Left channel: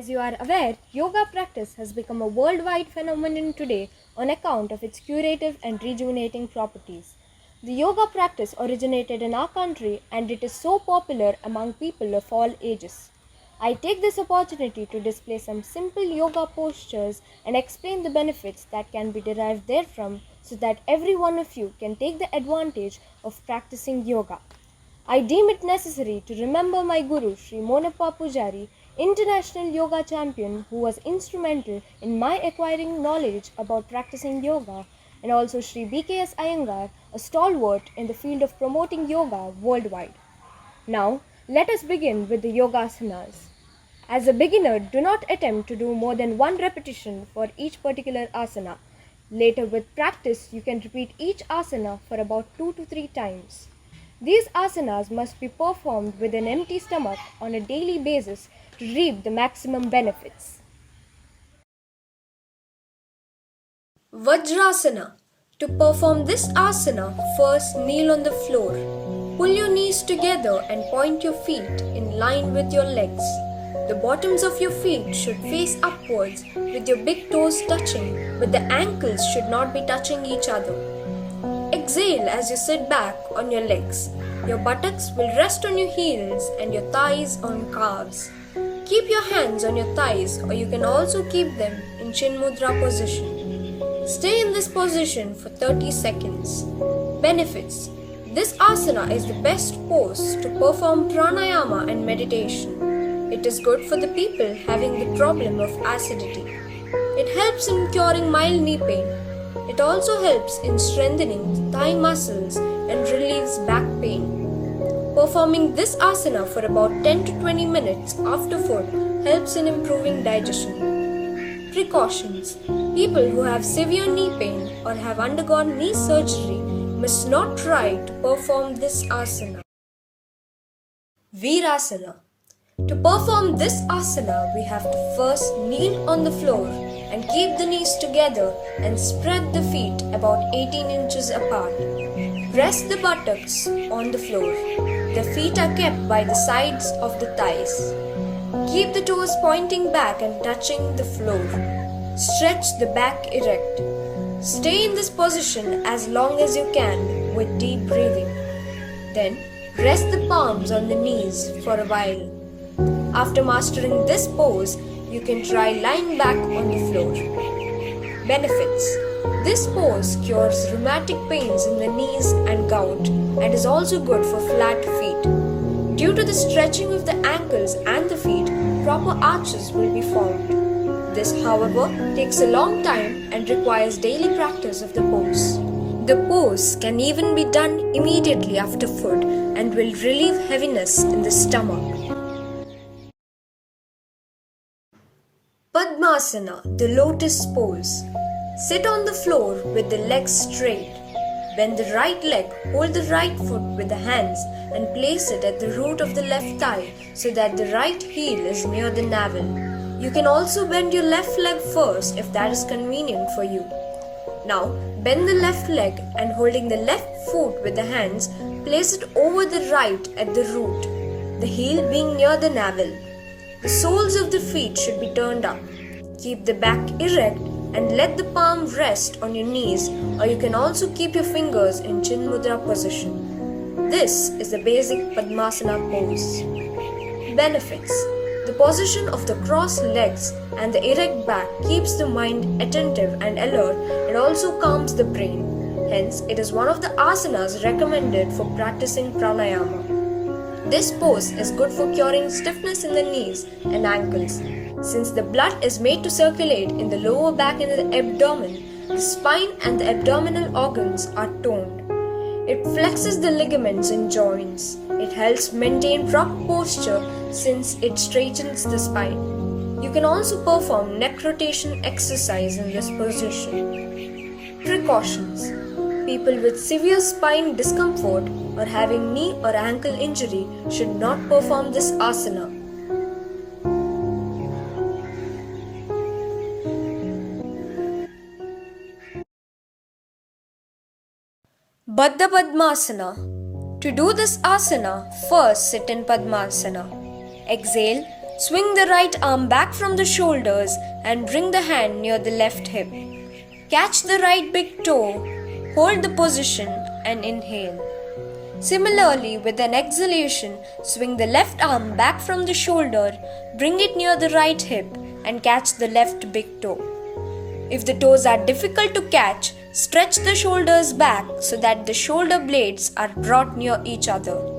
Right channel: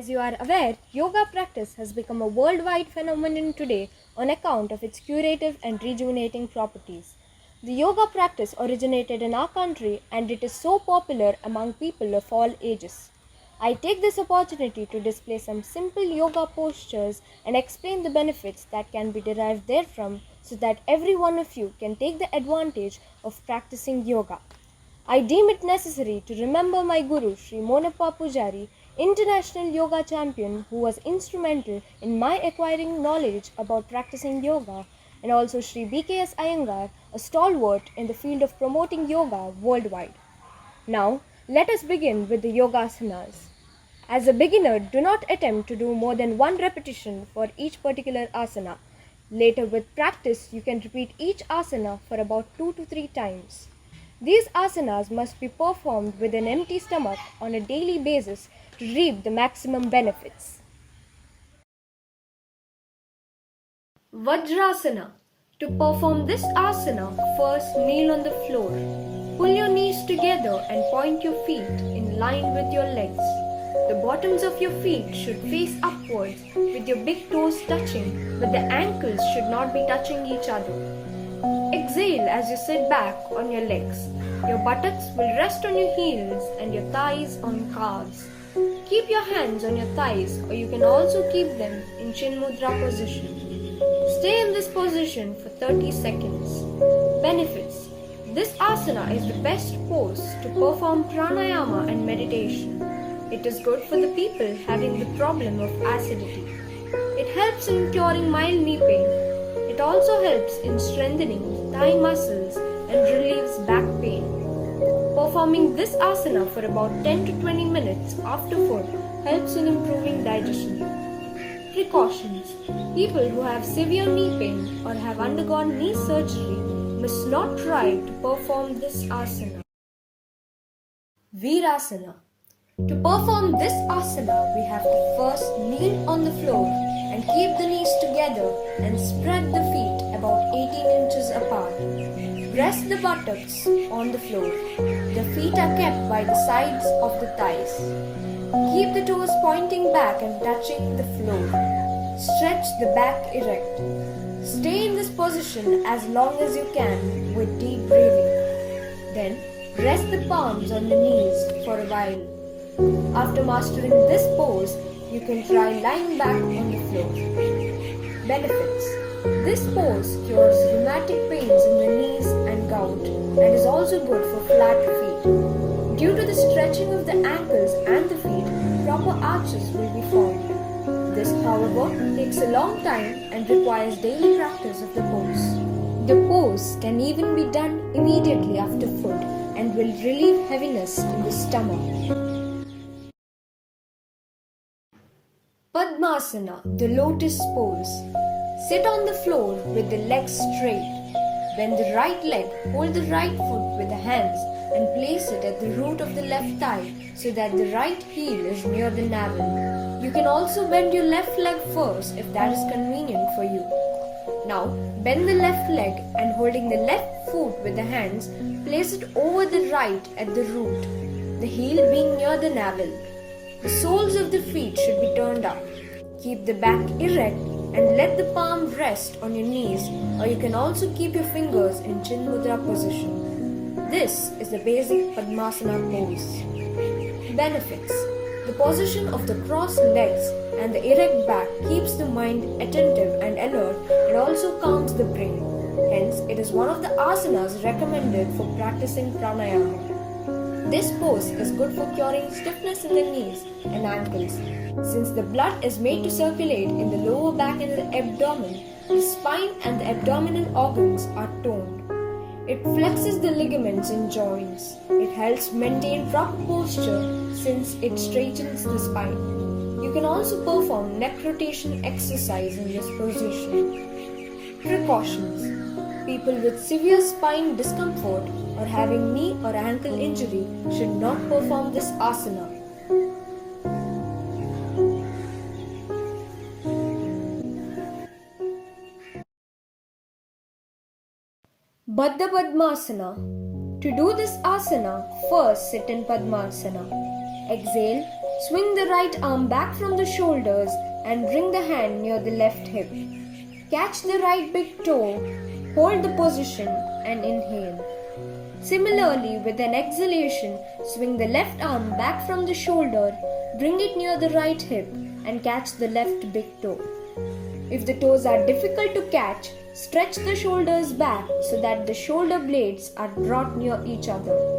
As you are aware, yoga practice has become a worldwide phenomenon today on account of its curative and rejuvenating properties. The yoga practice originated in our country and it is so popular among people of all ages. I take this opportunity to display some simple yoga postures and explain the benefits that can be derived therefrom so that every one of you can take the advantage of practicing yoga. I deem it necessary to remember my Guru Sri Monappa Pujari, international yoga champion who was instrumental in my acquiring knowledge about practicing yoga, and also Sri BKS Iyengar, a stalwart in the field of promoting yoga worldwide. Now, let us begin with the yogasanas. As a beginner, do not attempt to do more than one repetition for each particular asana. Later with practice, you can repeat each asana for about 2 to 3 times. These asanas must be performed with an empty stomach on a daily basis to reap the maximum benefits. Vajrasana. To perform this asana, first kneel on the floor. Pull your knees together and point your feet in line with your legs. The bottoms of your feet should face upwards with your big toes touching, but the ankles should not be touching each other. Exhale as you sit back on your legs. Your buttocks will rest on your heels and your thighs on calves. Keep your hands on your thighs, or you can also keep them in Chin Mudra position. Stay in this position for 30 seconds. Benefits. This asana is the best pose to perform pranayama and meditation. It is good for the people having the problem of acidity. It helps in curing mild knee pain. It also helps in strengthening the thigh muscles and relieves back pain. Performing this asana for about 10 to 20 minutes after food helps in improving digestion. Precautions. People who have severe knee pain or have undergone knee surgery must not try to perform this asana. Veerasana. To perform this asana, we have to first kneel on the floor and keep the knees together and spread the feet about 18 inches apart. Rest the buttocks on the floor. The feet are kept by the sides of the thighs. Keep the toes pointing back and touching the floor. Stretch the back erect. Stay in this position as long as you can with deep breathing. Then rest the palms on the knees for a while. After mastering this pose, you can try lying back on the floor. Benefits. This pose cures rheumatic pains in the knees and gout and is also good for flat feet. Due to the stretching of the ankles and the feet, proper arches will be formed. This, however, takes a long time and requires daily practice of the pose. The pose can even be done immediately after food and will relieve heaviness in the stomach. Padmasana, the lotus pose. Sit on the floor with the legs straight. Bend the right leg, hold the right foot with the hands and place it at the root of the left thigh so that the right heel is near the navel. You can also bend your left leg first if that is convenient for you. Now, bend the left leg and holding the left foot with the hands, place it over the right at the root, the heel being near the navel. The soles of the feet should be turned up. Keep the back erect and let the palm rest on your knees, or you can also keep your fingers in Chin Mudra position. This is the basic Padmasana pose. Benefits. The position of the crossed legs and the erect back keeps the mind attentive and alert and also calms the brain. Hence, it is one of the asanas recommended for practicing pranayama. This pose is good for curing stiffness in the knees and ankles. Since the blood is made to circulate in the lower back and the abdomen, the spine and the abdominal organs are toned. It flexes the ligaments and joints. It helps maintain proper posture since it straightens the spine. You can also perform neck rotation exercise in this position. Precautions. People with severe spine discomfort or having knee or ankle injury should not perform this asana. Baddha Padmasana. To do this asana, first sit in Padmasana. Exhale, Swing the right arm back from the shoulders and bring the hand near the left hip. Catch the right big toe, hold the position and inhale. Similarly, with an exhalation, swing the left arm back from the shoulder, bring it near the right hip and catch the left big toe. If the toes are difficult to catch, stretch the shoulders back so that the shoulder blades are brought near each other.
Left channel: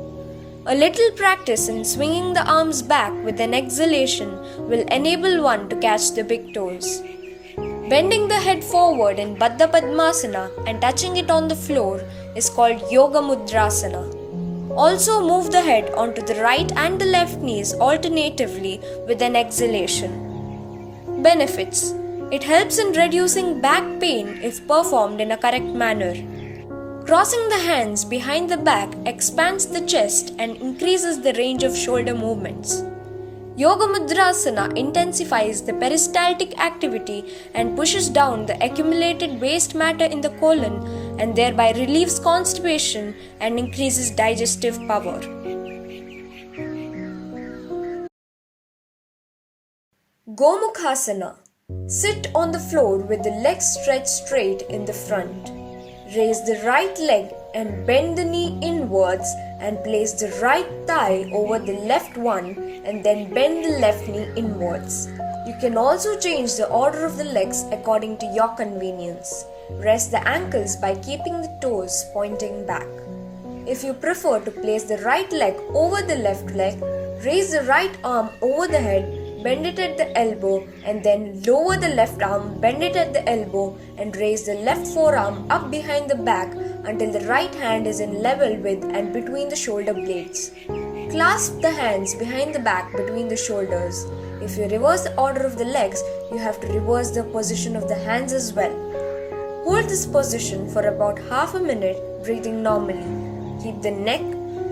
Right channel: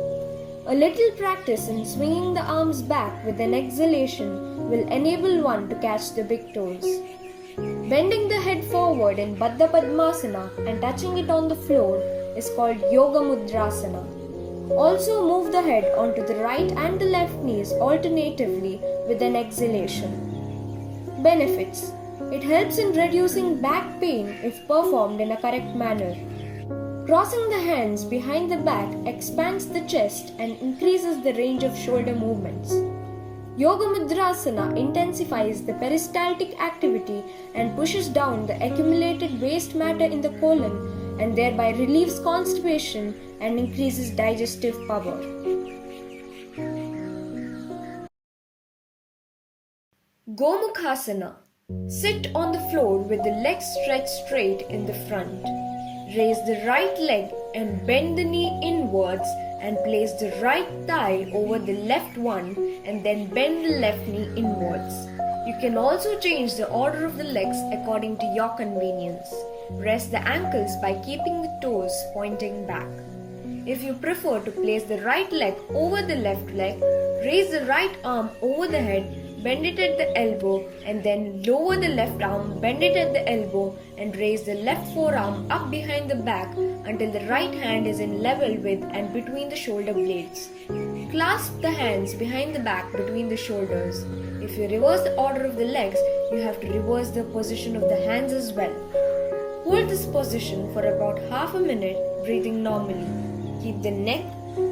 A little practice in swinging the arms back with an exhalation will enable one to catch the big toes. Bending the head forward in Baddha Padmasana and touching it on the floor is called Gomukhasana. Also move the head onto the right and the left knees alternatively with an exhalation. Benefits: it helps in reducing back pain if performed in a correct manner. Crossing the hands behind the back expands the chest and increases the range of shoulder movements. Vajrasana intensifies the peristaltic activity and pushes down the accumulated waste matter in the colon and thereby relieves constipation and increases digestive power. Gomukhasana. Sit on the floor with the legs stretched straight in the front. Raise the right leg and bend the knee inwards and place the right thigh over the left one and then bend the left knee inwards. You can also change the order of the legs according to your convenience. Rest the ankles by keeping the toes pointing back. If you prefer to place the right leg over the left leg, raise the right arm over the head, bend it at the elbow and then lower the left arm, bend it at the elbow and raise the left forearm up behind the back until the right hand is in level with and between the shoulder blades. Clasp the hands behind the back between the shoulders. If you reverse the order of the legs, you have to reverse the position of the hands as well. Hold this position for about half a minute, breathing normally. Keep the neck,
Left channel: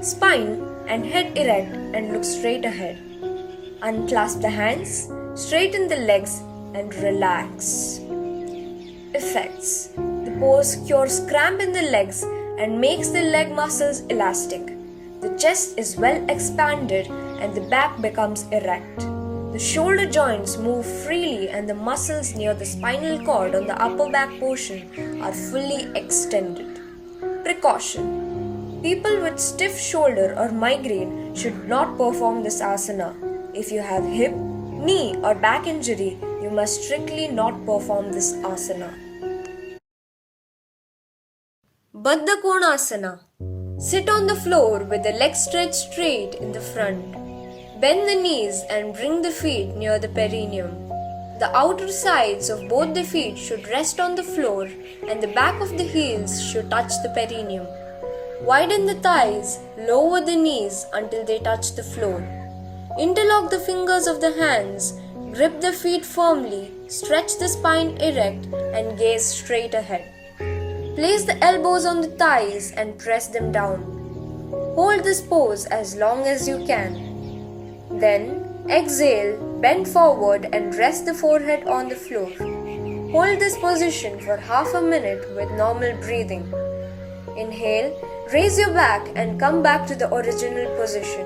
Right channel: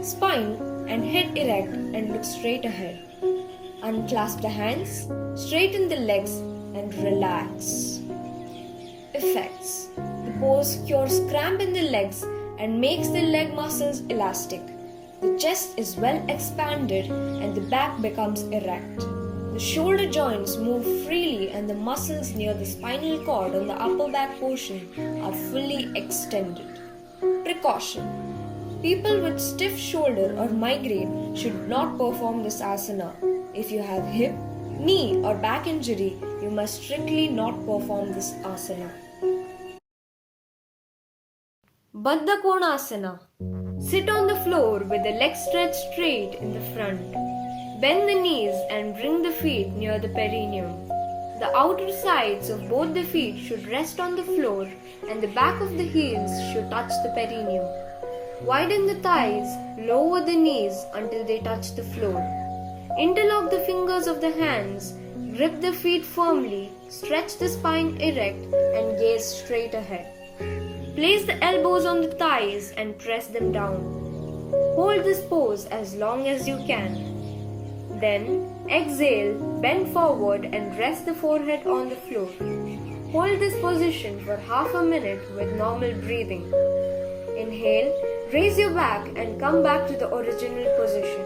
spine and head erect and look straight ahead. Unclasp the hands, straighten the legs and relax. Effects: the pose cures cramp in the legs and makes the leg muscles elastic. The chest is well expanded and the back becomes erect. The shoulder joints move freely and the muscles near the spinal cord on the upper back portion are fully extended. Precaution: people with stiff shoulder or migraine should not perform this asana. If you have hip, knee or back injury, you must strictly not perform this asana. Baddha Konasana. Sit on the floor with the legs stretched straight in the front. Bend the knees and bring the feet near the perineum. The outer sides of both the feet should rest on the floor and the back of the heels should touch the perineum. Widen the thighs, lower the knees until they touch the floor. Interlock the fingers of the hands, grip the feet firmly, stretch the spine erect and gaze straight ahead. Place the elbows on the thighs and press them down. Hold this pose as long as you can. Then exhale, bend forward and rest the forehead on the floor. Hold this position for half a minute with normal breathing. Inhale, raise your back and come back to the original position.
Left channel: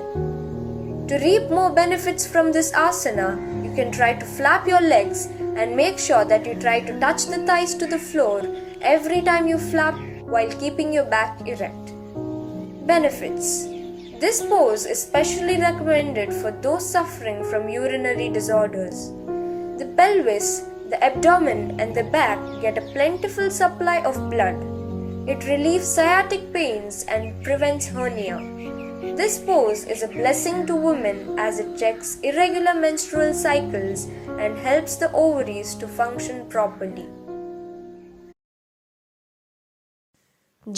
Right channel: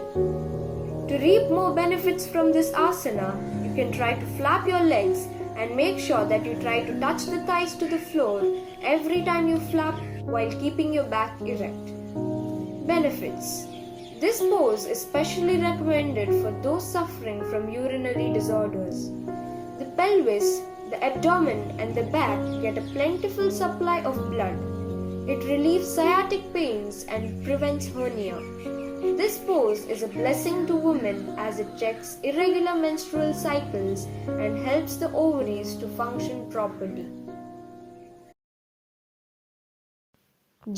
To reap more benefits from this asana, you can try to flap your legs and make sure that you try to touch the thighs to the floor every time you flap while keeping your back erect. Benefits: this pose is specially recommended for those suffering from urinary disorders. The pelvis, the abdomen and the back get a plentiful supply of blood. It relieves sciatic pains and prevents hernia. This pose is a blessing to women as it checks irregular menstrual cycles and helps the ovaries to function properly.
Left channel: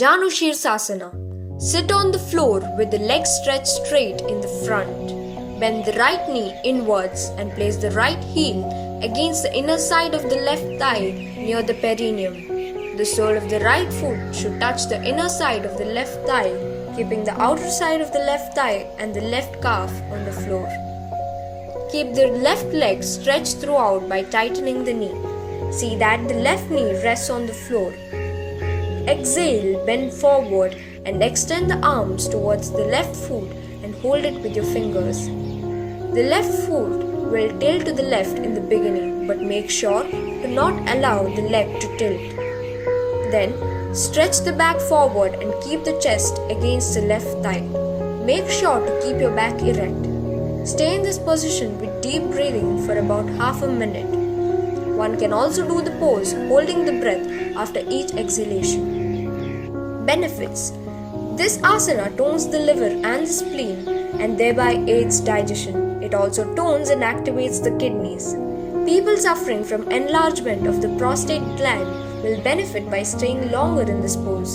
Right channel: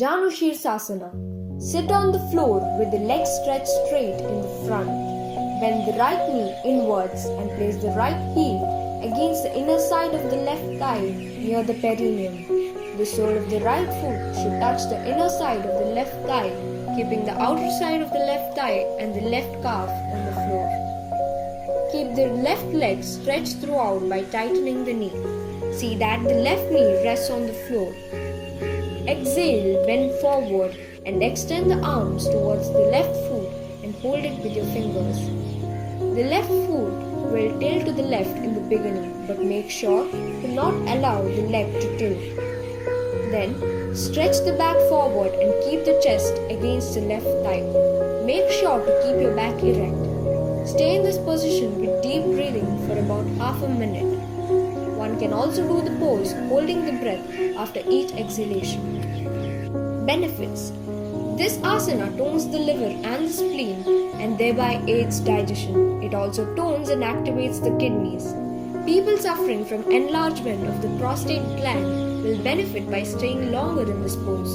Janu Sheershasana. Sit on the floor with the legs stretched straight in the front. Bend the right knee inwards and place the right heel against the inner side of the left thigh near the perineum. The sole of the right foot should touch the inner side of the left thigh, keeping the outer side of the left thigh and the left calf on the floor. Keep the left leg stretched throughout by tightening the knee. See that the left knee rests on the floor. Exhale, bend forward and extend the arms towards the left foot and hold it with your fingers. The left foot will tilt to the left in the beginning, but make sure to not allow the leg to tilt. Then, stretch the back forward and keep the chest against the left thigh. Make sure to keep your back erect. Stay in this position with deep breathing for about half a minute. One can also do the pose holding the breath after each exhalation. Benefits: this asana tones the liver and the spleen and thereby aids digestion. It also tones and activates the kidneys. People suffering from enlargement of the prostate gland will benefit by staying longer in this pose.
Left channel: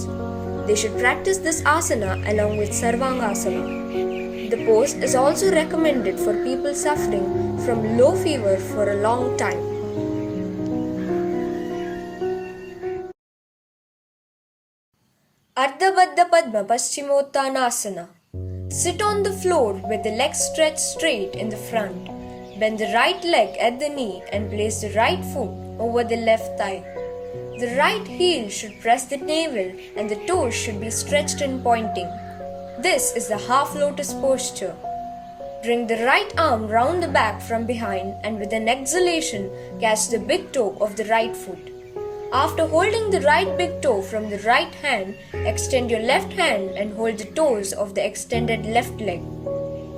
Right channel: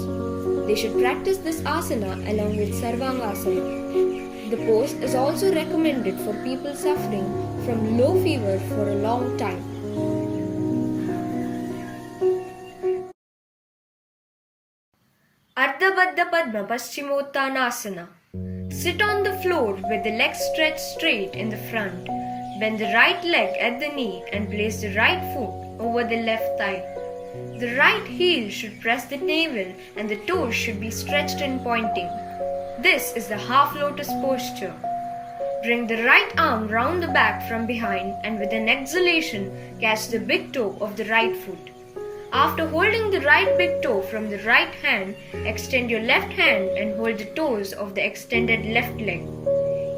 They should practice this asana along with Sarvangasana. The pose is also recommended for people suffering from low fever for a long time. Ardha Padma Paschimottanasana. Sit on the floor with the legs stretched straight in the front. Bend the right leg at the knee and place the right foot over the left thigh. The right heel should press the navel and the toes should be stretched and pointing. This is the half lotus posture. Bring the right arm round the back from behind and with an exhalation, catch the big toe of the right foot. After holding the right big toe from the right hand, extend your left hand and hold the toes of the extended left leg.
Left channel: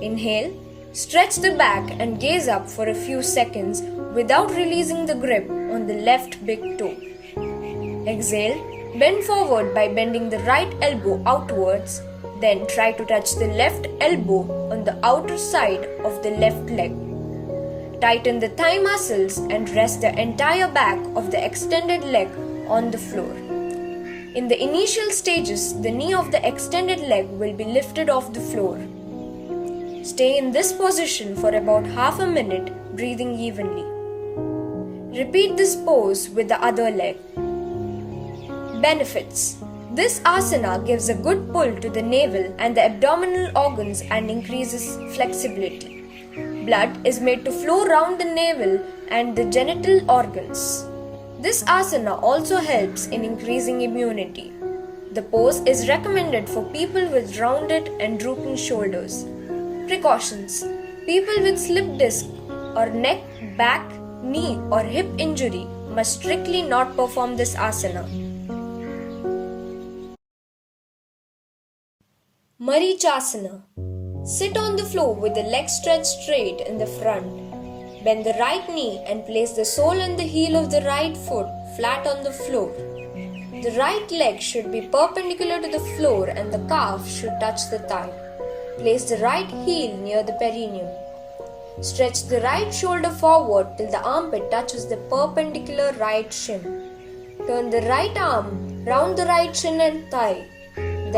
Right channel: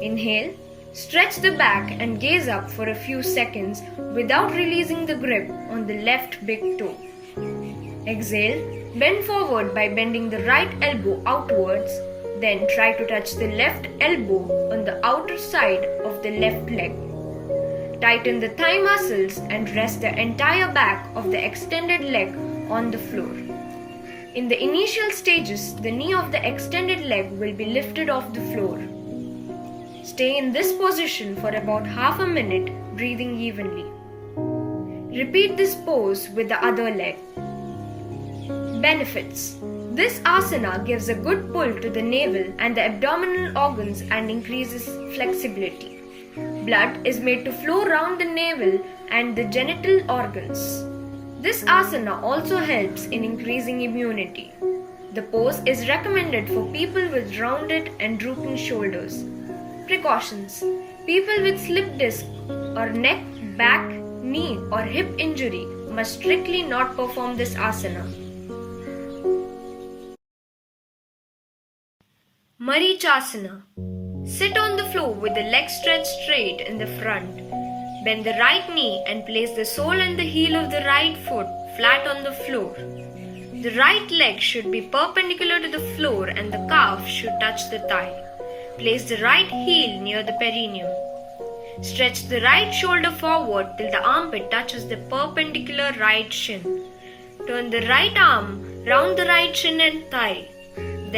Inhale, stretch the back and gaze up for a few seconds without releasing the grip on the left big toe. Exhale, bend forward by bending the right elbow outwards, then try to touch the left elbow on the outer side of the left leg. Tighten the thigh muscles and rest the entire back of the extended leg on the floor. In the initial stages, the knee of the extended leg will be lifted off the floor. Stay in this position for about half a minute, breathing evenly. Repeat this pose with the other leg. Benefits: this asana gives a good pull to the navel and the abdominal organs and increases flexibility. Blood is made to flow round the navel and the genital organs. This asana also helps in increasing immunity. The pose is recommended for people with rounded and drooping shoulders. Precautions: people with slip disc or neck, back, knee or hip injury must strictly not perform this asana. Marichyasana. Sit on the floor with the legs stretched straight in the front. Bend the right knee and place the sole and the heel of the right foot flat on the floor. The right leg should be perpendicular to the floor and the calf should touch the thigh. Place the right heel near the perineum. Stretch the right shoulder forward till the armpit touches the perpendicular right shin. Turn the right arm round the right shin and thigh.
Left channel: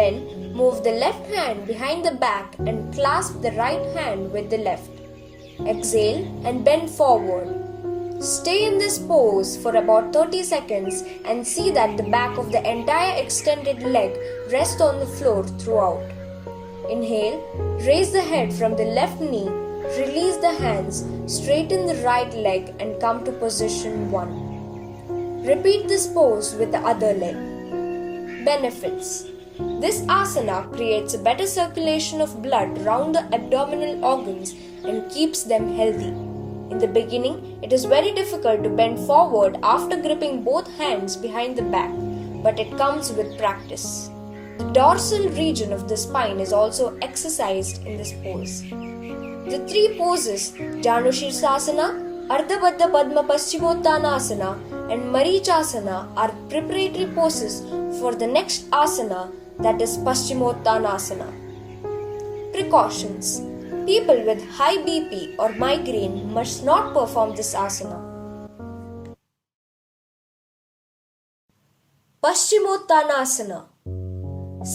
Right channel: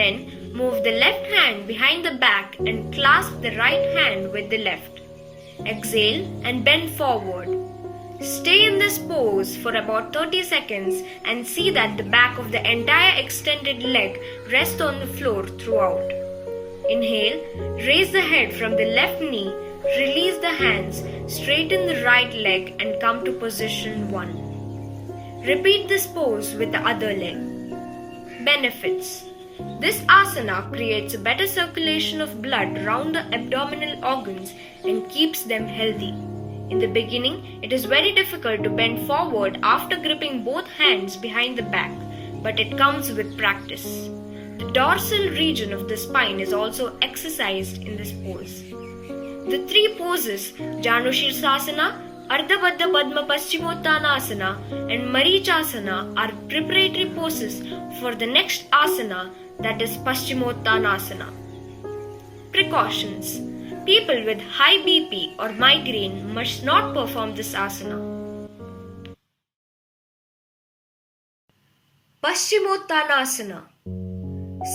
Then move the left hand behind the back and clasp the right hand with the left. Exhale and bend forward. Stay in this pose for about 30 seconds and see that the back of the entire extended leg rests on the floor throughout. Inhale, raise the head from the left knee, release the hands, straighten the right leg and come to position 1. Repeat this pose with the other leg. Benefits: this asana creates a better circulation of blood round the abdominal organs and keeps them healthy. In the beginning, it is very difficult to bend forward after gripping both hands behind the back, but it comes with practice. The dorsal region of the spine is also exercised in this pose. The three poses, Janu Sheershasana, Ardha Padma Paschimottanasana and Marichyasana, are preparatory poses for the next asana, that is Paschimottanasana. Precautions: people with high BP or migraine must not perform this asana. Paschimottanasana.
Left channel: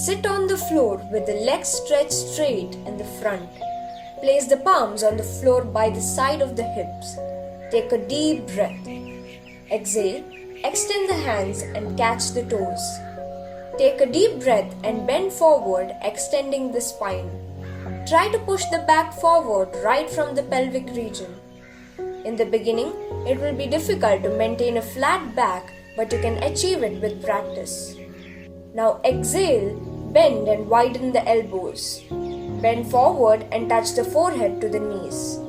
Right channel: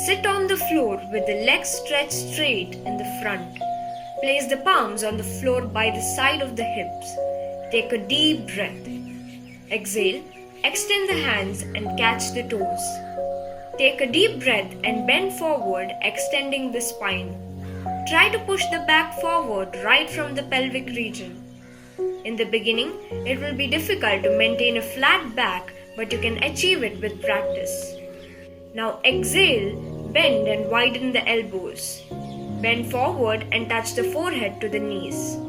Sit on the floor with the legs stretched straight in the front. Place the palms on the floor by the side of the hips. Take a deep breath. Exhale, extend the hands and catch the toes. Take a deep breath and bend forward, extending the spine. Try to push the back forward right from the pelvic region. In the beginning, it will be difficult to maintain a flat back, but you can achieve it with practice. Now exhale, bend and widen the elbows. Bend forward and touch the forehead to the knees.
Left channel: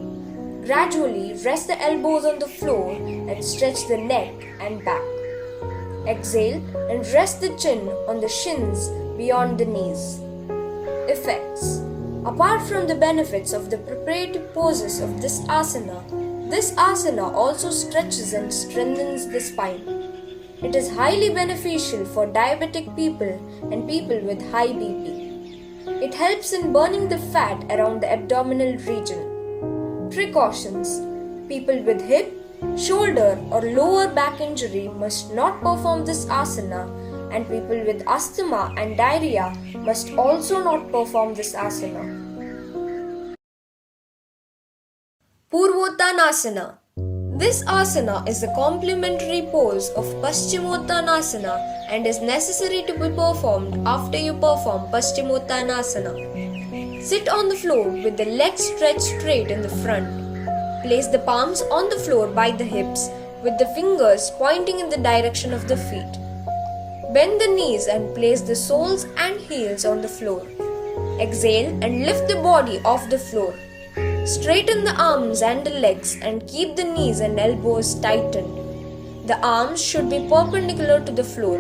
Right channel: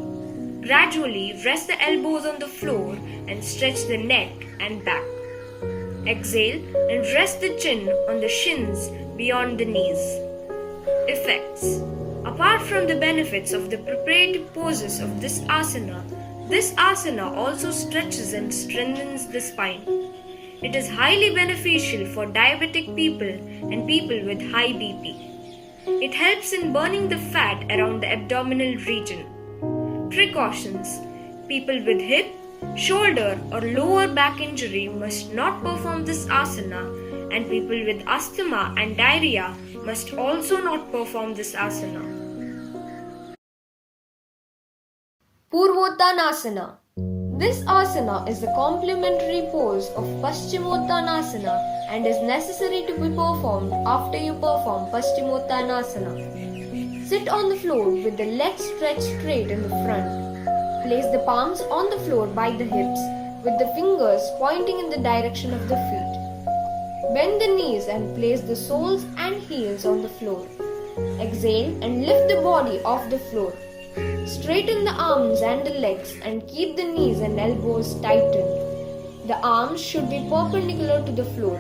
Gradually rest the elbows on the floor and stretch the neck and back. Exhale and rest the chin on the shins beyond the knees. Effects. Apart from the benefits of the preparative poses of this asana also stretches and strengthens the spine. It is highly beneficial for diabetic people and people with high BP. It helps in burning the fat around the abdominal region. Precautions. People with hip, shoulder or lower back injury must not perform this asana, and people with asthma and diarrhea must also not perform this asana. Poorvottanasana. This asana is a complementary pose of Paschimottanasana and is necessary to be performed after you perform Paschimottanasana. Sit on the floor with the legs stretched straight in the front. Place the palms on the floor by the hips with the fingers pointing in the direction of the feet. Bend the knees and place the soles and heels on the floor. Exhale and lift the body off the floor. Straighten the arms and the legs and keep the knees and elbows tightened. The arms should be perpendicular to the floor.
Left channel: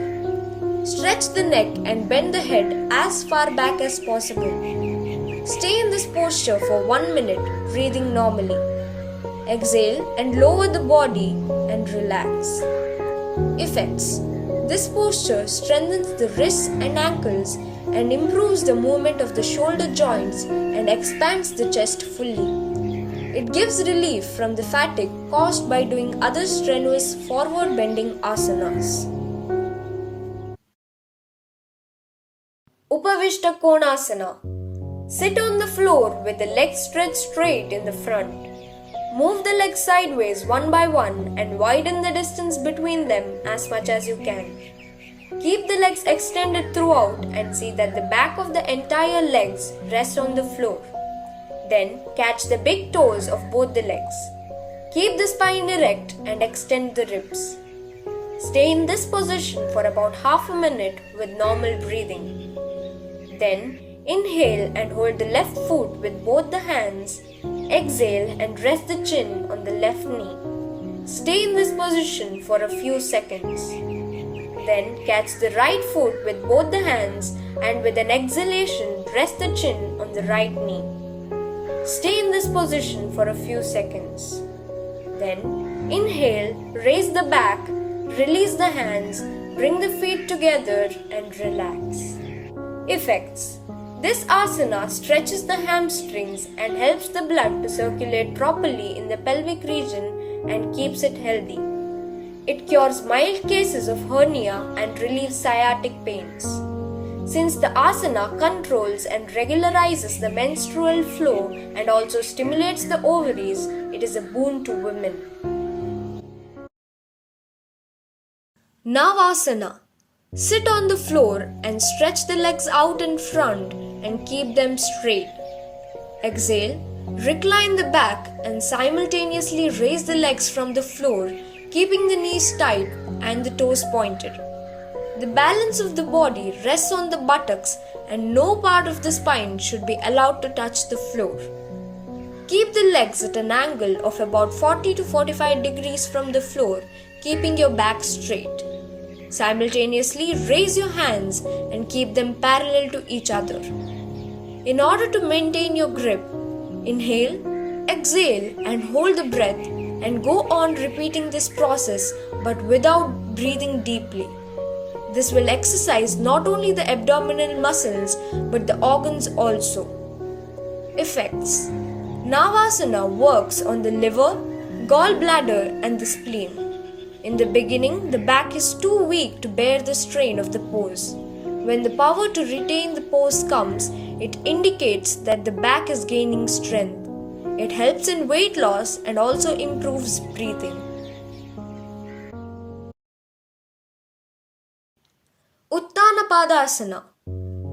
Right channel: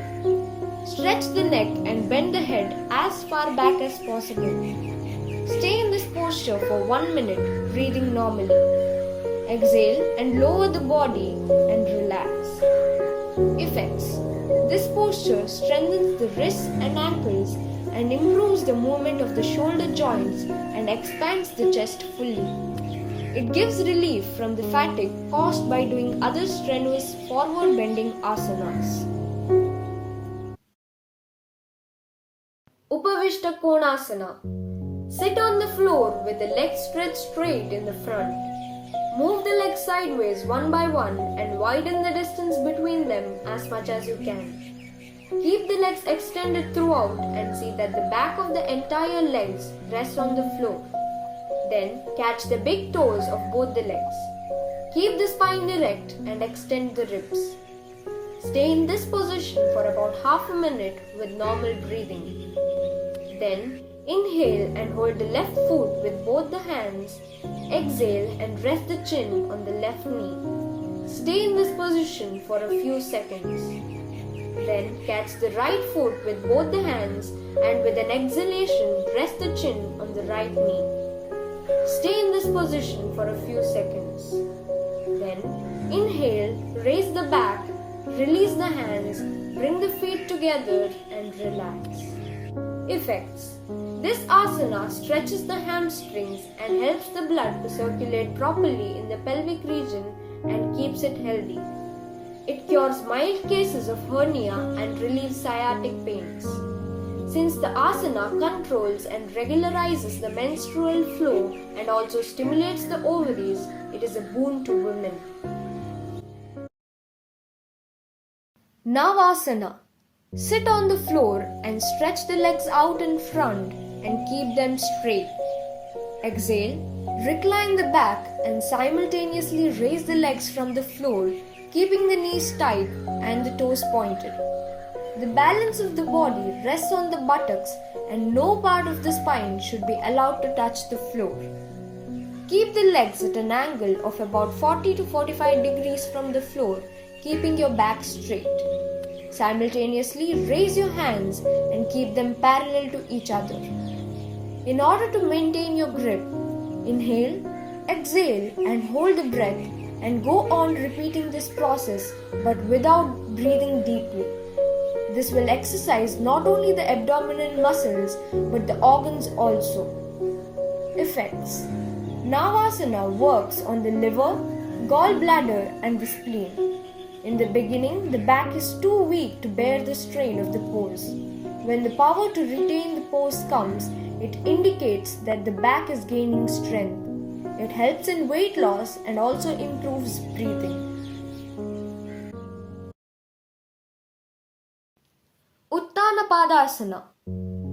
Stretch the neck and bend the head as far back as possible. Stay in this posture for 1 minute, breathing normally. Exhale and lower the body and relax. Effects. This posture strengthens the wrists and ankles and improves the movement of the shoulder joints and expands the chest fully. It gives relief from the fatigue caused by doing other strenuous forward bending asanas. Upavishta Konasana. Sit on the floor with the legs stretched straight in the front. Move the legs sideways one by one and widen the distance between them as much as you can. Keep the legs extended throughout and see that the back of the entire legs rest on the floor. Then catch the big toes of both the legs. Keep the spine erect and extend the ribs. Stay in this position for about half a minute with normal breathing. Then inhale and hold the left foot with both the hands. Exhale and rest the chin on the left knee. Stay in this position for a few seconds. Then catch the right foot with both the hands and with an exhalation rest the chin on the right knee. Stay in this position for a few seconds. Then inhale, raise the back, release the hands, bring the feet together and relax. Effects. This asana stretches the hamstrings and helps the blood to circulate properly in the pelvic region and keeps it healthy. It cures mild cases of hernia and relieves sciatic pains. Since the asana controls and regularizes the menstrual flow and also stimulates the ovaries, it is a boon to women. Navasana. Sit on the floor and stretch the legs out in front and keep them straight. Exhale, recline the back and simultaneously raise the legs from the floor, keeping the knees tight and the toes pointed. The balance of the body rests on the buttocks and no part of the spine should be allowed to touch the floor. Keep the legs at an angle of about 40 to 45 degrees from the floor, keeping your back straight. Simultaneously raise your hands and keep them parallel to each other. In order to maintain your grip, inhale, exhale and hold the breath and go on repeating this process but without breathing deeply. This will exercise not only the abdominal muscles but the organs also. Effects. Navasana works on the liver, gallbladder and the spleen. In the beginning, the back is too weak to bear the strain of the pose. When the power to retain the pose comes, it indicates that the back is gaining strength. It helps in weight loss and also improves breathing. Utthanapadasana.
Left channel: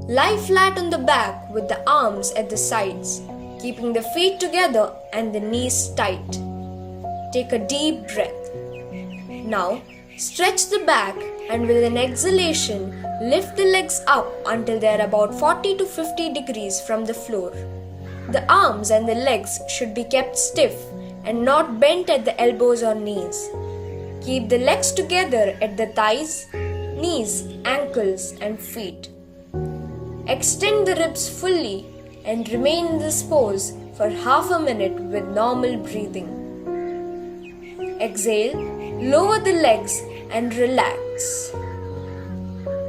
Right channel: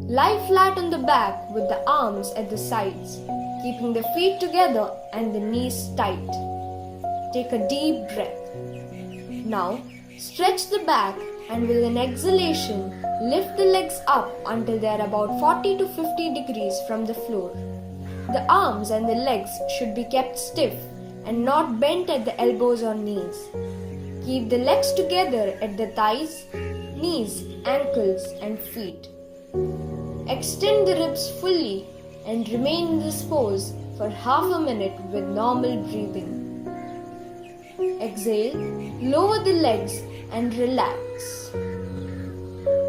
Lie flat on the back with the arms at the sides, keeping the feet together and the knees tight. Take a deep breath. Now, stretch the back and with an exhalation, lift the legs up until they are about 40 to 50 degrees from the floor. The arms and the legs should be kept stiff and not bent at the elbows or knees. Keep the legs together at the thighs, knees, ankles and feet. Extend the ribs fully and remain in this pose for half a minute with normal breathing. Exhale, lower the legs and relax.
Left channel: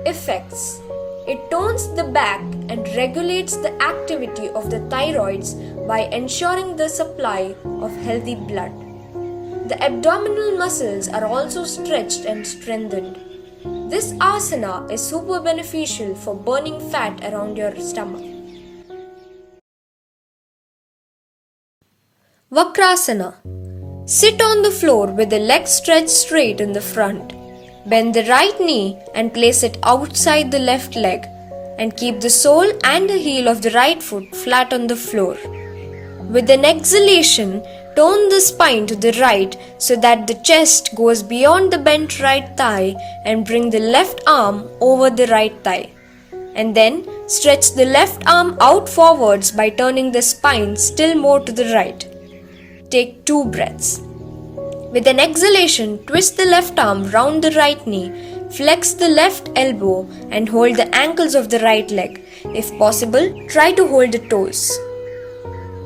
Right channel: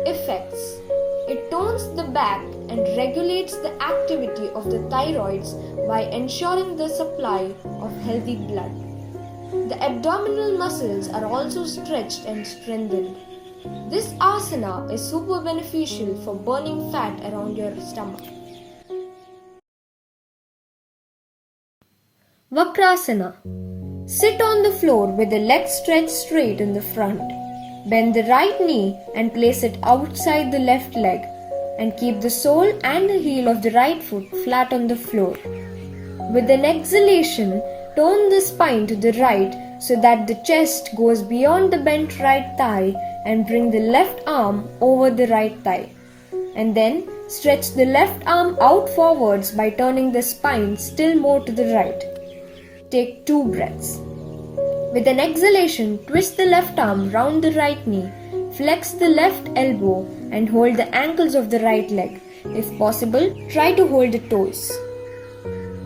Effects: it tones the back and regulates the activity of the thyroids by ensuring the supply of healthy blood. The abdominal muscles are also stretched and strengthened. This asana is super beneficial for burning fat around your stomach. Vakrasana. Sit on the floor with the legs stretched straight in the front. Bend the right knee and place it outside the left leg, and keep the sole and the heel of the right foot flat on the floor. With an exhalation, tone the spine to the right so that the chest goes beyond the bent right thigh, and bring the left arm over the right thigh. And then stretch the left arm out forwards by turning the spine still more to the right. Take 2 breaths. With an exhalation, twist the left arm round the right knee, flex the left elbow and hold the ankles of the right leg. If possible, try to hold the toes.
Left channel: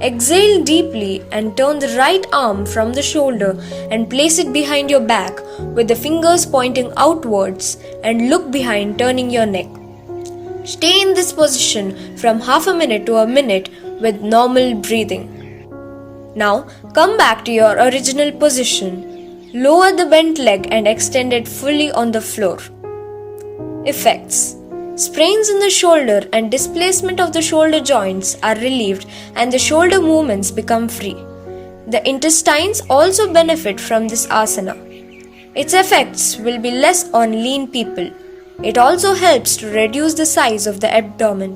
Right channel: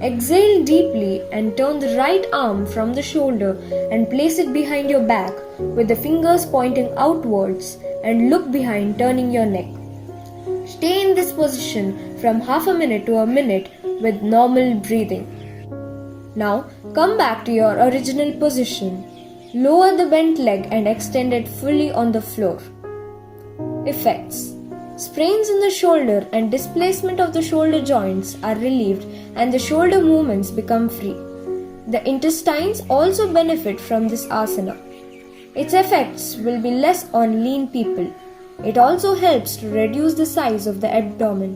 Exhale deeply and turn the right arm from the shoulder and place it behind your back with the fingers pointing outwards, and look behind, turning your neck. Stay in this position from half a minute to a minute with normal breathing. Now come back to your original position. Lower the bent leg and extend it fully on the floor. Effects: sprains in the shoulder and displacement of the shoulder joints are relieved and the shoulder movements become free. The intestines also benefit from this asana. Its effects will be less on lean people. It also helps to reduce the size of the abdomen.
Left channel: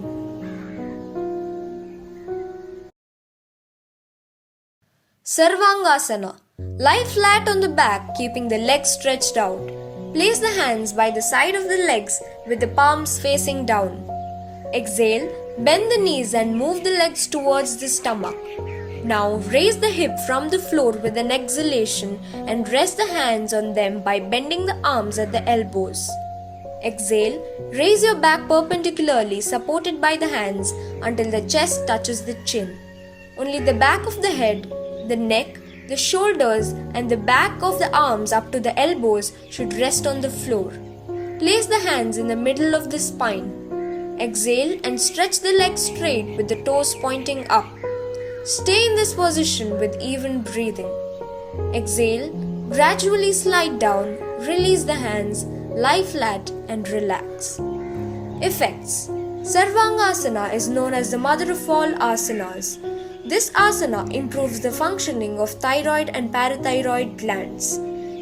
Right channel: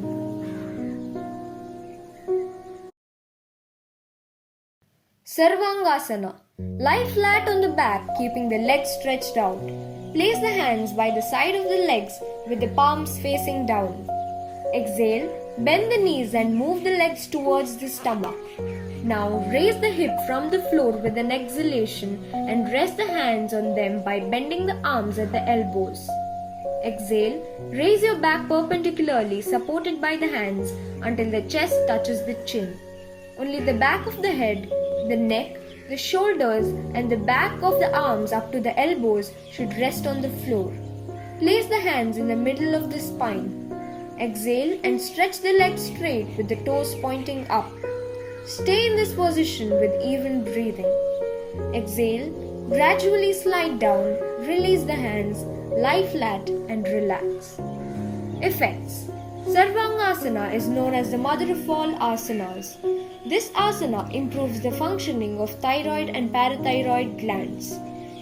Sarvangasana. Lie flat on the back, keeping the legs stretched out. Place the hands by the side of the legs with the palms facing down. Exhale, bend the knees and move the legs towards the stomach. Now raise the hip from the floor with an exhalation and rest the hands on them by bending the arms at the elbows. Exhale, raise your back perpendicularly, supported by the hands, until the chest touches the chin. Only the back of the head, the neck, the shoulders and the back of the arms up to the elbows should rest on the floor. Place the hands in the middle of the spine. Exhale and stretch the legs straight with the toes pointing up. Stay in this position with even breathing. Exhale, gradually slide down, release the hands, lie flat and relax. Effects: Sarvangasana is known as the mother of all asanas. This asana improves the functioning of thyroid and parathyroid glands.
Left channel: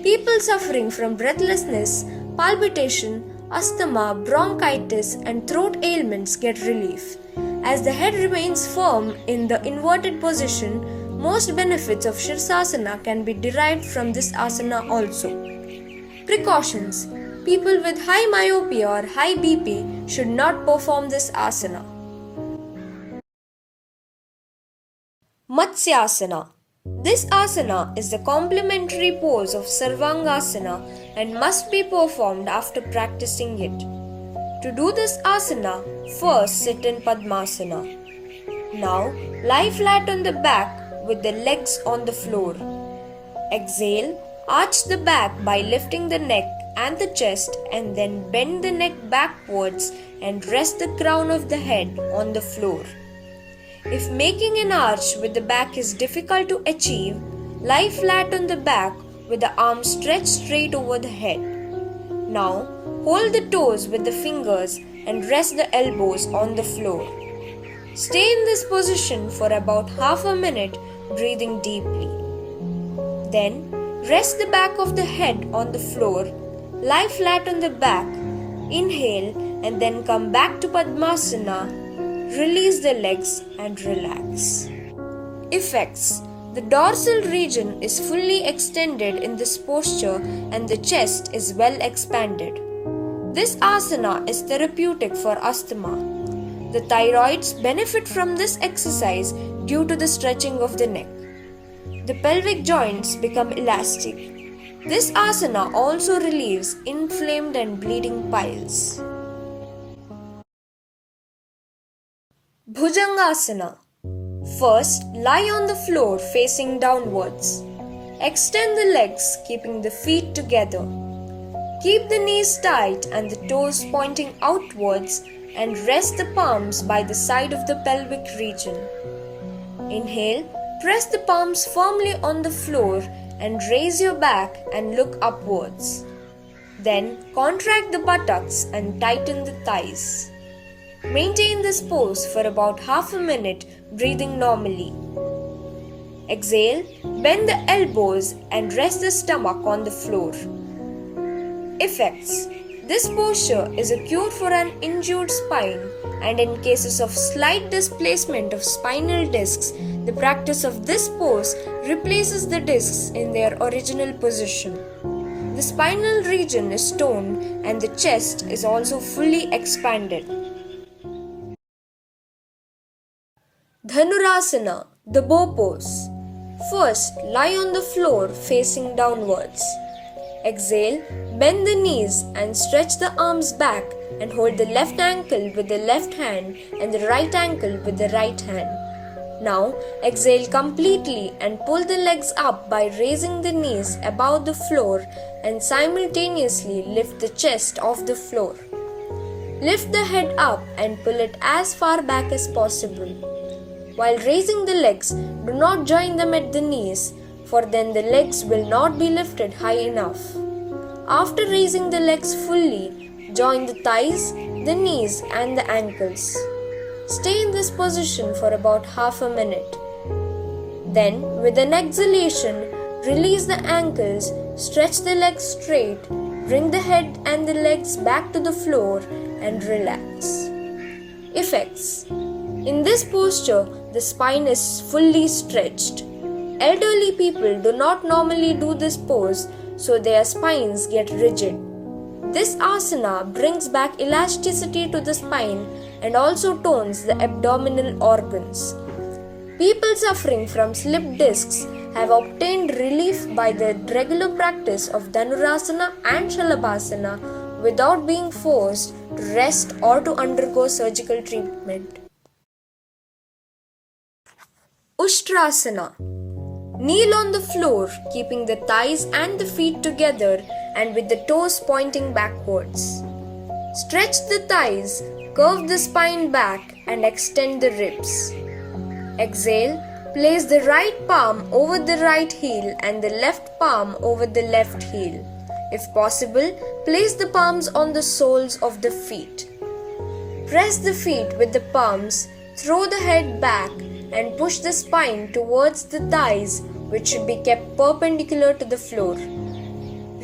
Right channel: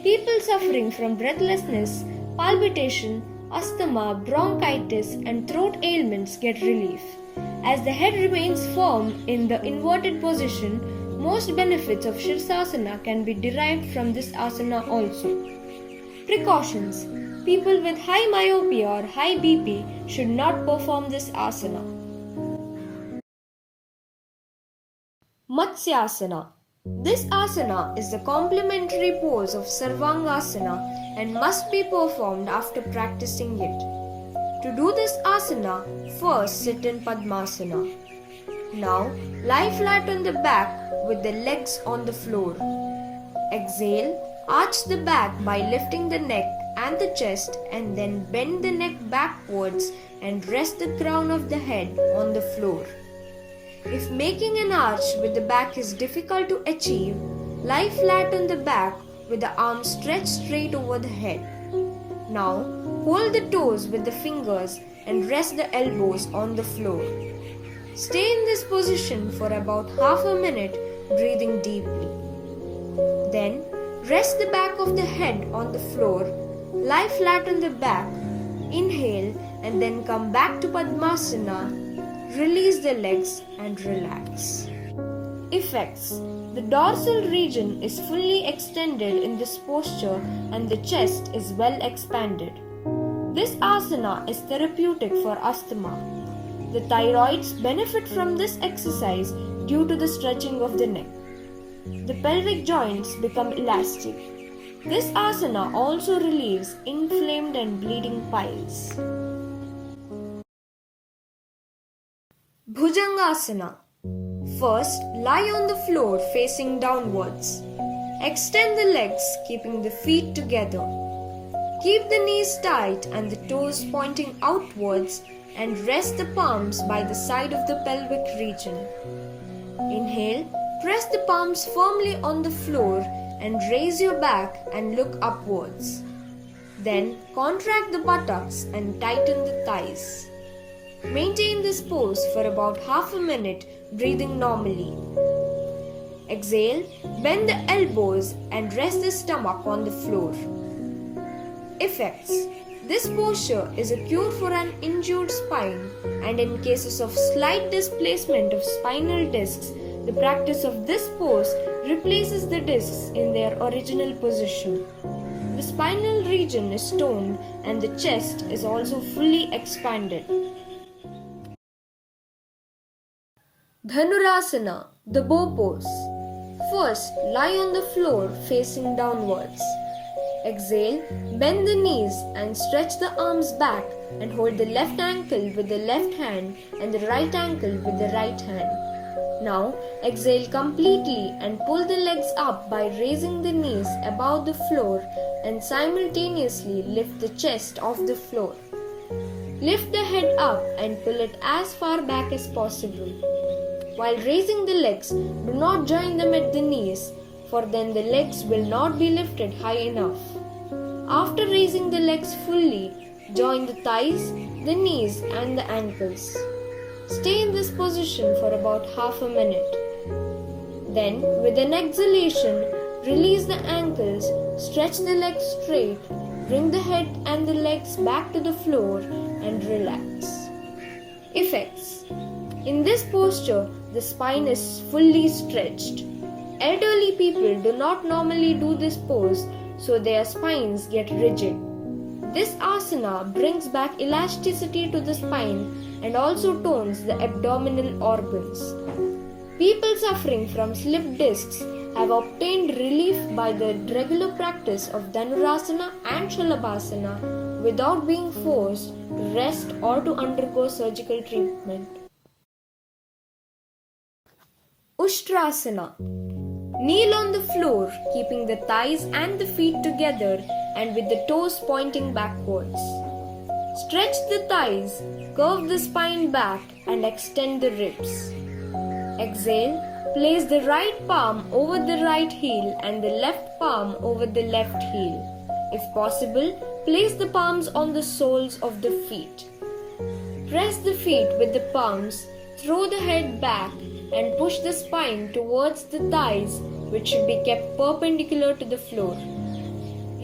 People suffering from breathlessness, palpitation, asthma, bronchitis and throat ailments get relief. As the head remains firm in the inverted position, most benefits of Shirsasana can be derived from this asana also. Precautions: people with high myopia or high BP should not perform this asana. Matsyasana. This asana is the complementary pose of Sarvangasana and must be performed after practicing it. To do this asana, first sit in Padmasana. Now lie flat on the back with the legs on the floor. Exhale, arch the back by lifting the neck and the chest, and then bend the neck backwards and rest the crown of the head on the floor. If making an arch with the back is difficult to achieve, lie flat on the back with the arms stretched straight over the head. Now, hold the toes with the fingers and rest the elbows on the floor. Stay in this position for about half a minute, breathing deeply. Then, rest the back of the head on the floor, lie flat on the back, inhale and then come back to Padmasana. Release the legs and relax. Effects: the dorsal region is fully extended in this posture and the chest is well expanded. This asana is therapeutic for asthma. The thyroids benefit from this exercise due to the stretching of the neck. the pelvic joints become elastic. This asana also relieves inflamed and bleeding piles. Bhujangasana. First, lie on the floor facing downwards. Extend the legs, keeping the feet together. Keep the knees tight and the toes pointing outwards and rest the palms by the side of the pelvic region. Inhale, press the palms firmly on the floor and raise your back and look upwards. Then contract the buttocks and tighten the thighs. Maintain this pose for about half a minute, breathing normally. Exhale, bend the elbows and rest the stomach on the floor. Effects. This posture is a cure for an injured spine, and in cases of slight displacement of spinal discs, the practice of this pose replaces the discs in their original position. The spinal region is toned and the chest is also fully expanded. Dhanurasana, the bow pose. First, lie on the floor facing downwards. Exhale, bend the knees and stretch the arms back and hold the left ankle with the left hand and the right ankle with the right hand. Now, exhale completely and pull the legs up by raising the knees above the floor and simultaneously lift the chest off the floor. Lift the head up and pull it as far back as possible. While raising the legs, do not join them at the knees, for then the legs will not be lifted high enough. After raising the legs fully, join the thighs, the knees and the ankles. Stay in this position for about half a minute. Then, with an exhalation, release the ankles, stretch the legs straight, bring the head and the legs back to the floor and relax. Effects. In this posture, the spine is fully stretched. Elderly people do not normally do this pose, so their spines get rigid. This asana brings back elasticity to the spine and also tones the abdominal organs. People suffering from slip discs have obtained relief by the regular practice of Dhanurasana and Shalabhasana without being forced to rest or to undergo surgical treatment. Ushtrasana. Kneel on the floor, keeping the thighs and the feet together and with the toes pointing backwards. Stretch the thighs, curve the spine back and extend the ribs. Exhale, place the right palm over the right heel and the left palm over the left heel. If possible, place the palms on the soles of the feet. Press the feet with the palms, throw the head back and push the spine towards the thighs, which should be kept perpendicular to the floor.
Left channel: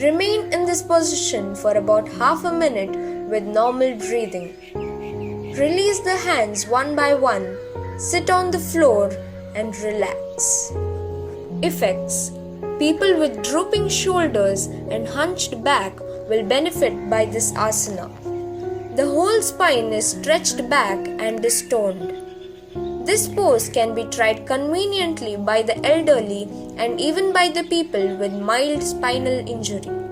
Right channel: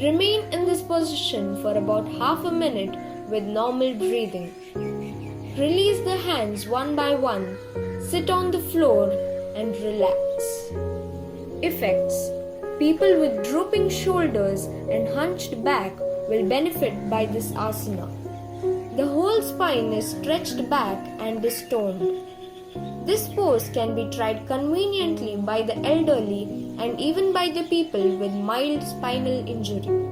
Remain in this position for about half a minute with normal breathing. Release the hands one by one, sit on the floor and relax. Effects. People with drooping shoulders and hunched back will benefit by this asana. The whole spine is stretched back and is toned. This pose can be tried conveniently by the elderly and even by the people with mild spinal injury.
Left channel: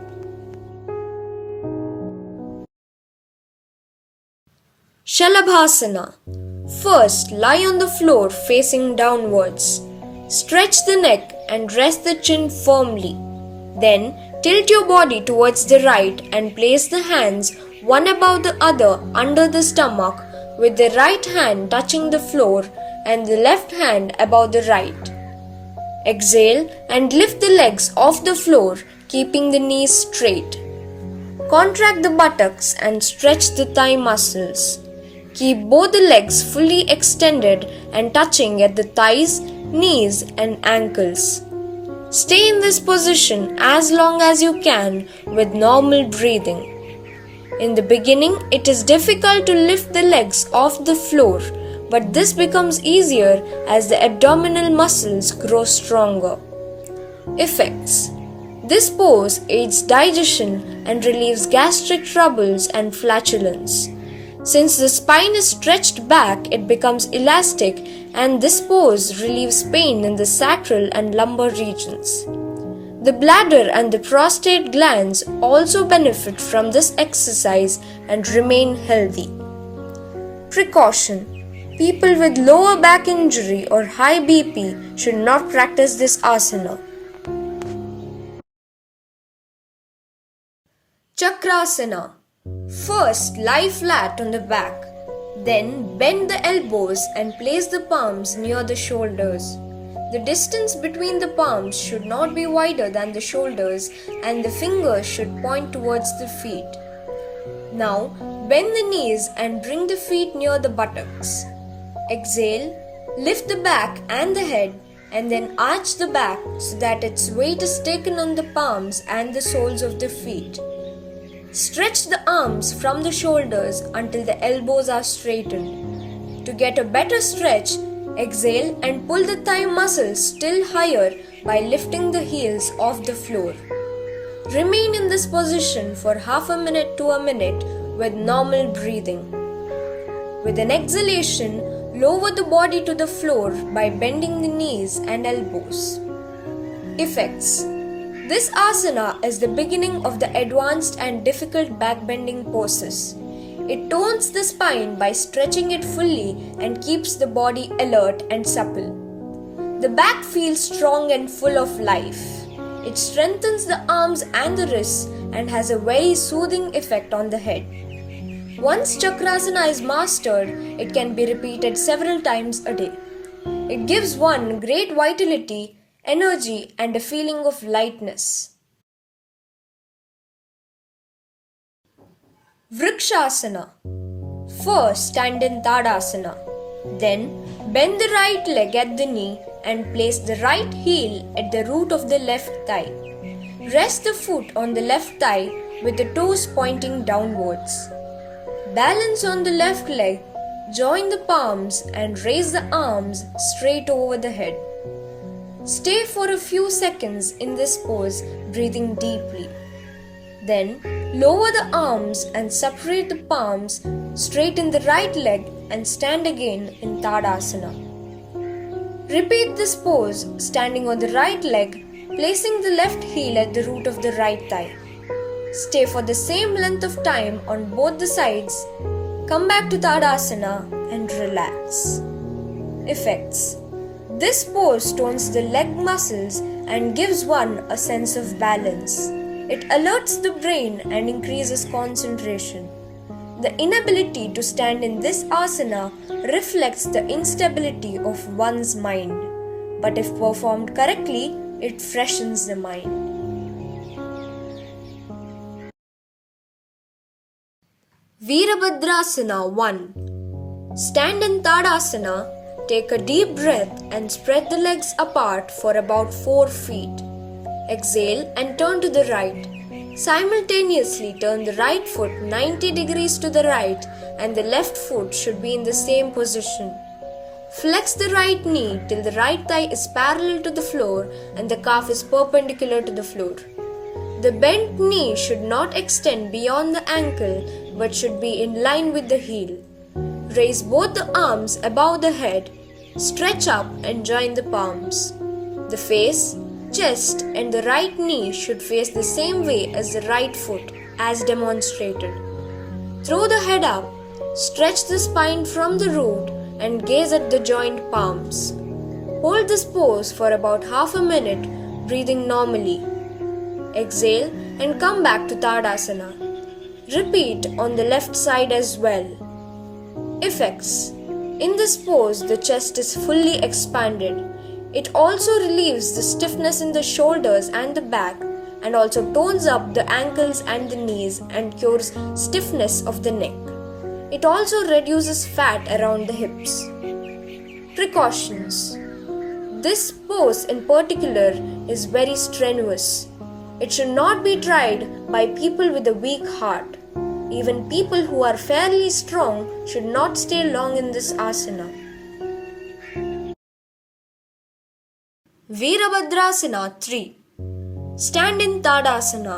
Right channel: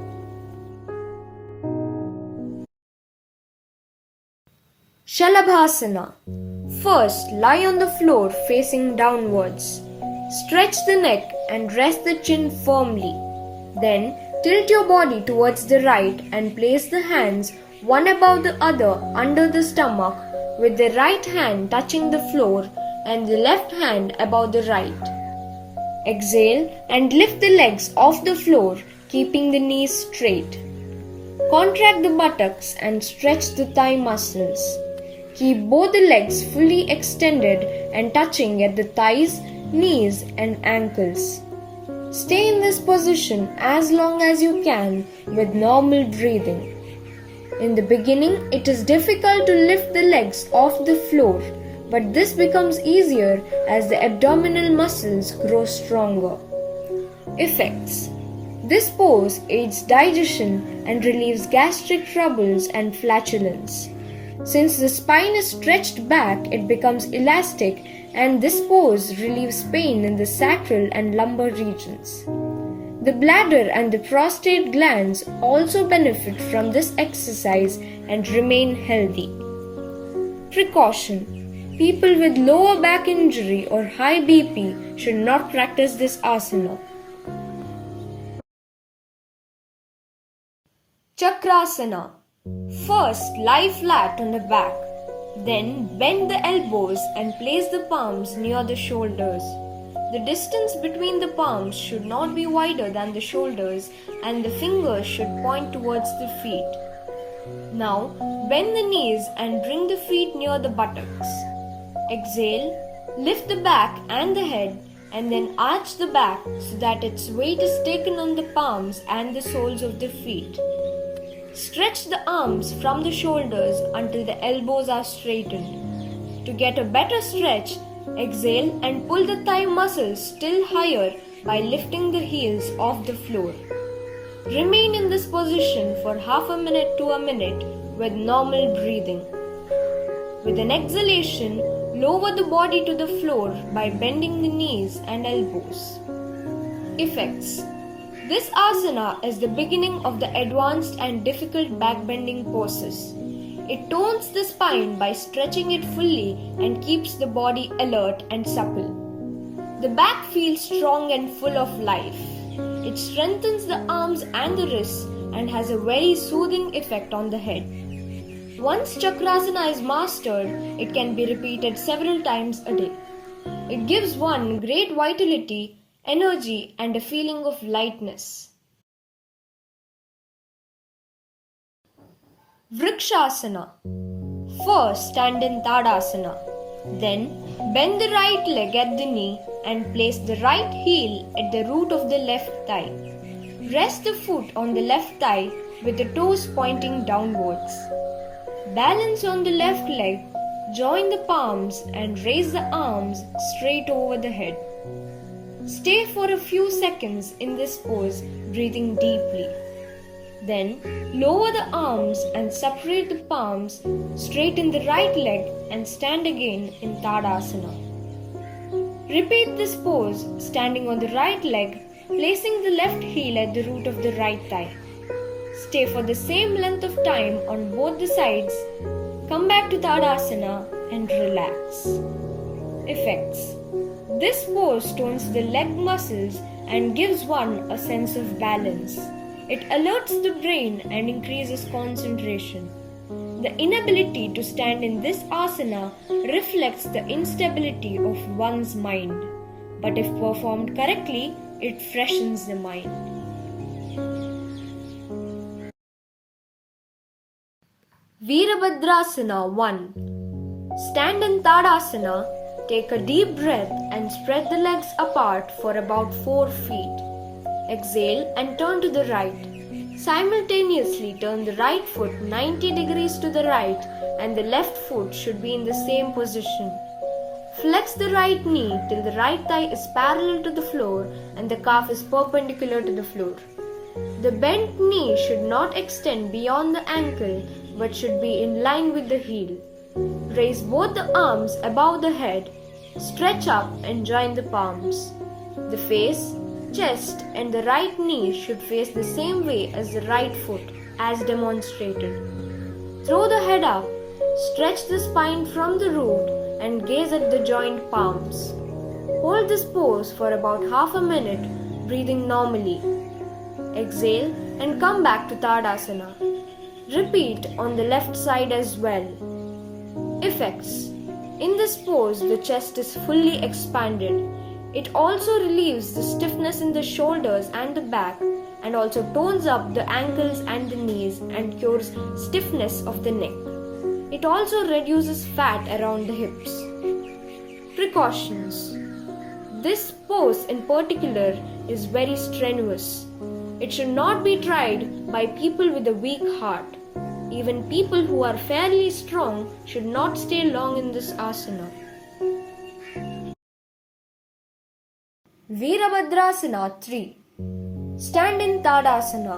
Shalabhasana. First, lie on the floor facing downwards. Stretch the neck and rest the chin firmly. Then, tilt your body towards the right and place the hands one above the other under the stomach, with the right hand touching the floor and the left hand above the right. Exhale and lift the legs off the floor, keeping the knees straight. Contract the buttocks and stretch the thigh muscles. Keep both the legs fully extended and touching at the thighs, knees and ankles. Stay in this position as long as you can with normal breathing. In the beginning, it is difficult to lift the legs off the floor, but this becomes easier as the abdominal muscles grow stronger. Effects. This pose aids digestion and relieves gastric troubles and flatulence. Since the spine is stretched back, it becomes elastic, and this pose relieves pain in the sacral and lumbar regions. The bladder and the prostate glands also benefit from this exercise and remain healthy. Precaution: people with lower back injury or high BP should not practice this asana. Chakrasana. First, lie flat on the back. Then, bend the elbows and place the palms near the shoulders. The distance between the palms should not be wider than the shoulders, and the fingers should point towards the feet. Now, bend the knees and bring the feet near the buttocks. Exhale, lift the back and the head, and then arch the back so that its weight is taken on the palms and the soles of the feet. Stretch the arms from the shoulders until the elbows are straightened. To get a better stretch, exhale and pull the thigh muscles still higher by lifting the heels off the floor. Remain in this position for half a minute to a minute with normal breathing. With an exhalation, lower the body to the floor by bending the knees and elbows. Effects: this asana is the beginning of the advanced and difficult backbending poses. It tones the spine by stretching it fully and keeps the body alert and supple. The back feels strong and full of life. It strengthens the arms and the wrists and has a very soothing effect on the head. Once Chakrasana is mastered, it can be repeated several times a day. It gives one great vitality, energy, and a feeling of lightness. Vrikshasana. First, stand in Tadasana. Then, bend the right leg at the knee and place the right heel at the root of the left thigh. Rest the foot on the left thigh with the toes pointing downwards. Balance on the left leg, join the palms and raise the arms straight over the head. Stay for a few seconds in this pose, breathing deeply. Then, lower the arms and separate the palms, straighten the right leg and stand again in Tadasana. Repeat this pose, standing on the right leg, placing the left heel at the root of the right thigh. Stay for the same length of time on both the sides. Come back to Tadasana and relax. Effects: this pose tones the leg muscles and gives one a sense of balance. It alerts the brain and increases concentration. The inability to stand in this asana reflects the instability of one's mind, but if performed correctly, it freshens the mind. Veerabhadrasana 1. Stand in Tadasana, take a deep breath and spread the legs apart for about 4 feet. Exhale and turn to the right. Simultaneously turn the right foot 90 degrees to the right and the left foot should be in the same position. Flex the right knee till the right thigh is parallel to the floor and the calf is perpendicular to the floor. The bent knee should not extend beyond the ankle but should be in line with the heel. Raise both the arms above the head, stretch up and join the palms. The face, chest and the right knee should face the same way as the right foot as demonstrated. Throw the head up, stretch the spine from the root and gaze at the joined palms. Hold this pose for about half a minute, breathing normally. Exhale and come back to Tadasana. Repeat on the left side as well. Effects: in this pose, the chest is fully expanded. It also relieves the stiffness in the shoulders and the back and also tones up the ankles and the knees and cures stiffness of the neck. It also reduces fat around the hips. Precautions: this pose in particular is very strenuous. It should not be tried by people with a weak heart. Even people who are fairly strong should not stay long in this asana. Veerabhadrasana 3. Stand in Tadasana.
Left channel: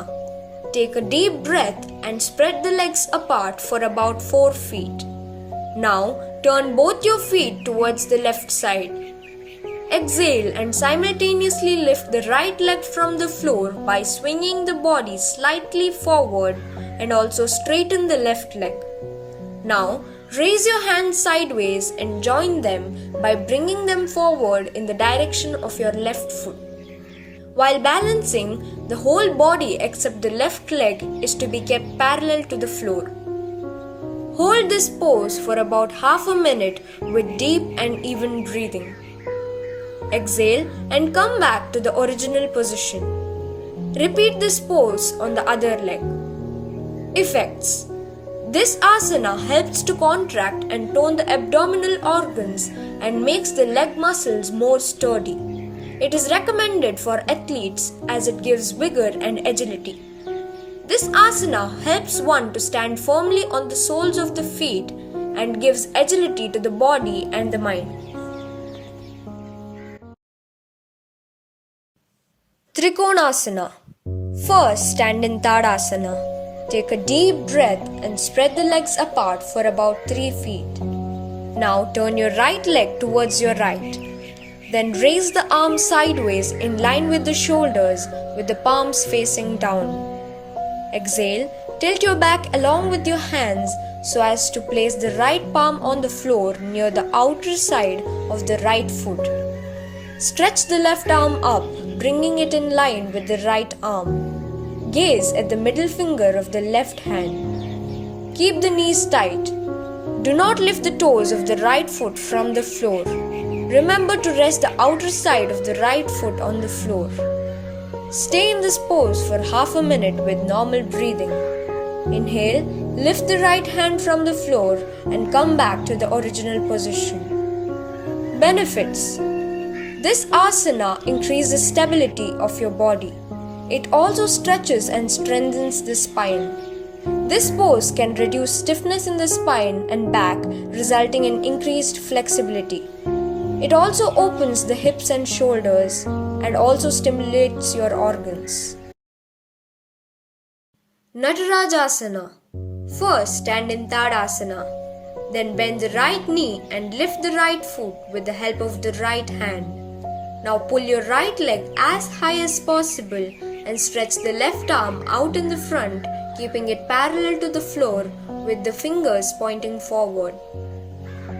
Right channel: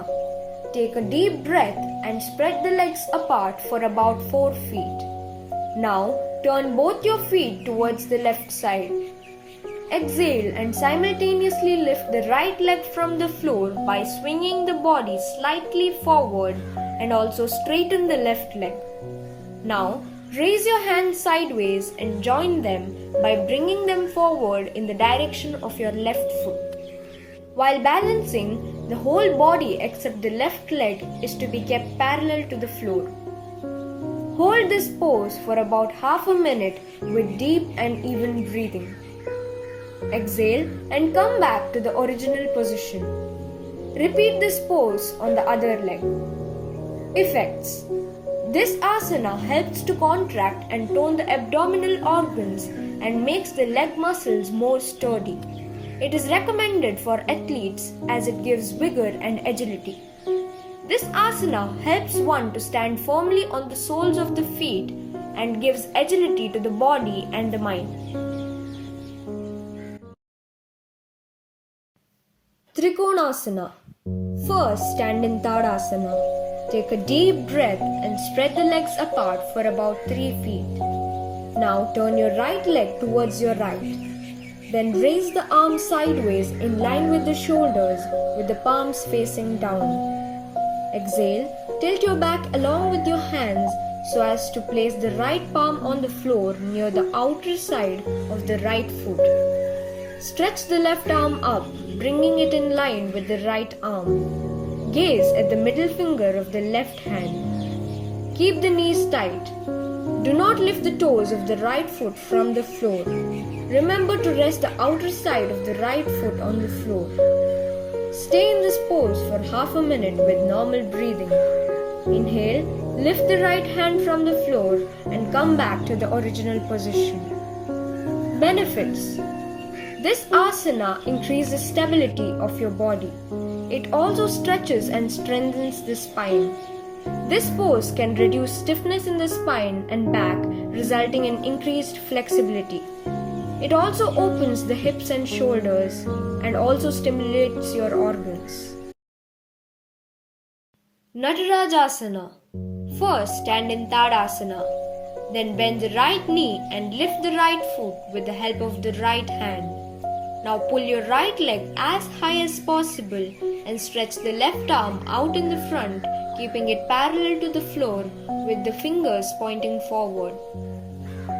Take a deep breath and spread the legs apart for about 4 feet. Now turn both your feet towards the left side. Exhale and simultaneously lift the right leg from the floor by swinging the body slightly forward and also straighten the left leg. Now raise your hands sideways and join them by bringing them forward in the direction of your left foot. While balancing, the whole body except the left leg is to be kept parallel to the floor. Hold this pose for about half a minute with deep and even breathing. Exhale and come back to the original position. Repeat this pose on the other leg. Effects. This asana helps to contract and tone the abdominal organs and makes the leg muscles more sturdy. It is recommended for athletes as it gives vigor and agility. This asana helps one to stand firmly on the soles of the feet and gives agility to the body and the mind. Trikonasana. First, stand in Tadasana. Take a deep breath and spread the legs apart for about 3 feet. Now turn your right leg towards your right. Then raise the arms sideways in line with the shoulders with the palms facing down. Exhale, tilt your back along with your hands so as to place the right palm on the floor near the outer side of the right foot. Stretch the left arm up, bringing it in line with the right arm. Gaze at the middle finger of the left hand. Keep the knees tight. Do not lift the toes of the right foot from the floor. Remember to rest the outer side of the right foot on the floor. Stay in this pose for half a minute with normal breathing. Inhale, lift the right hand from the floor and come back to the original position. Benefits. This asana increases stability of your body. It also stretches and strengthens the spine. This pose can reduce stiffness in the spine and back, resulting in increased flexibility. It also opens the hips and shoulders and also stimulates your organs. Natarajasana. First, stand in Tadasana. Then bend the right knee and lift the right foot with the help of the right hand. Now pull your right leg as high as possible and stretch the left arm out in the front, keeping it parallel to the floor with the fingers pointing forward.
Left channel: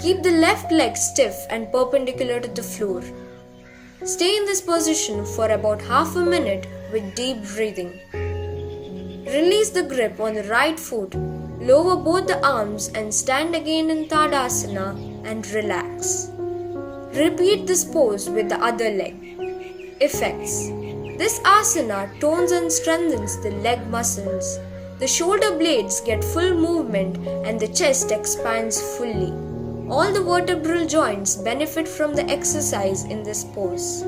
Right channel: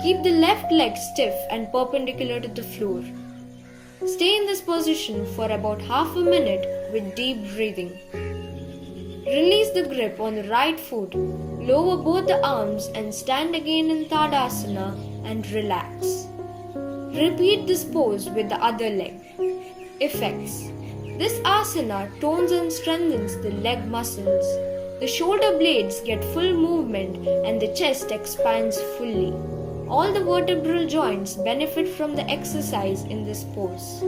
Keep the left leg stiff and perpendicular to the floor. Stay in this position for about half a minute with deep breathing. Release the grip on the right foot, lower both the arms and stand again in Tadasana and relax. Repeat this pose with the other leg. Effects. This asana tones and strengthens the leg muscles. The shoulder blades get full movement and the chest expands fully. All the vertebral joints benefit from the exercise in this pose.